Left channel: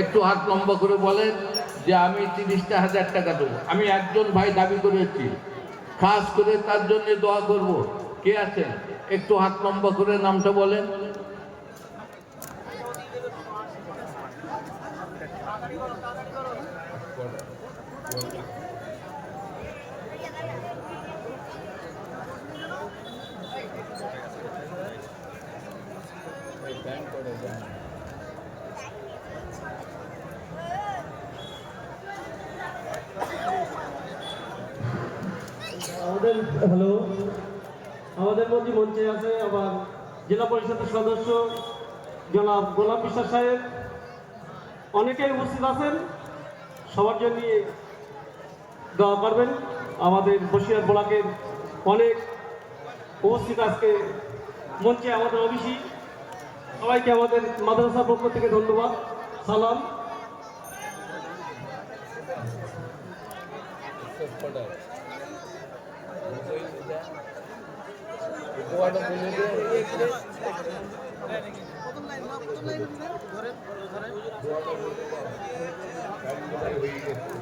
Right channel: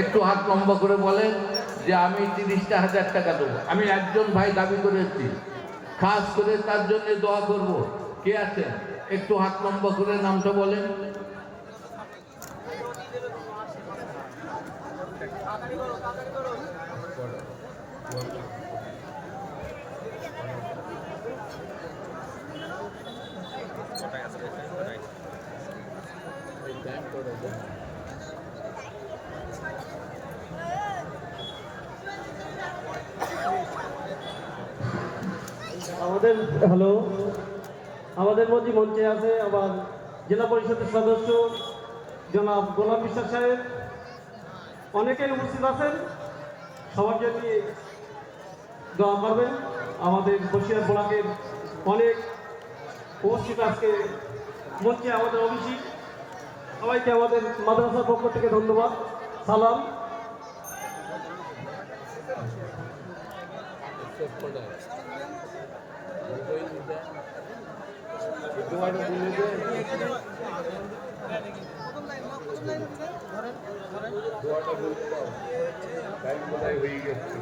একটু হাত লম্বা করে বলেন যে আমি তিরিশটা হাজার টাকা দেবো। আমি একজন ভাই দাবি করেছি। খাস করে তার জন্য দোয়া করব। কে আছেন? একটু হাত লম্বা করে নামটা বলেন। আমাদের, হ্যালো? আমাদের মধ্যে মঞ্চে আছে আবার জেলা পরিষদের সদস্য জনাব গোলাম বিশ্বাস সাহেব। অনেকেই উপস্থিত আছেন। সবার জন্য দোয়া করবেন। আমাদের বসিয়ার ব্লকের অনেক উপস্থিত আজকে মঞ্চে আমাদের অভিষেক সবাইকে আমাদের মাদ্রাসার পক্ষ থেকে ধন্যবাদ। সালাম। হয়ে গেছে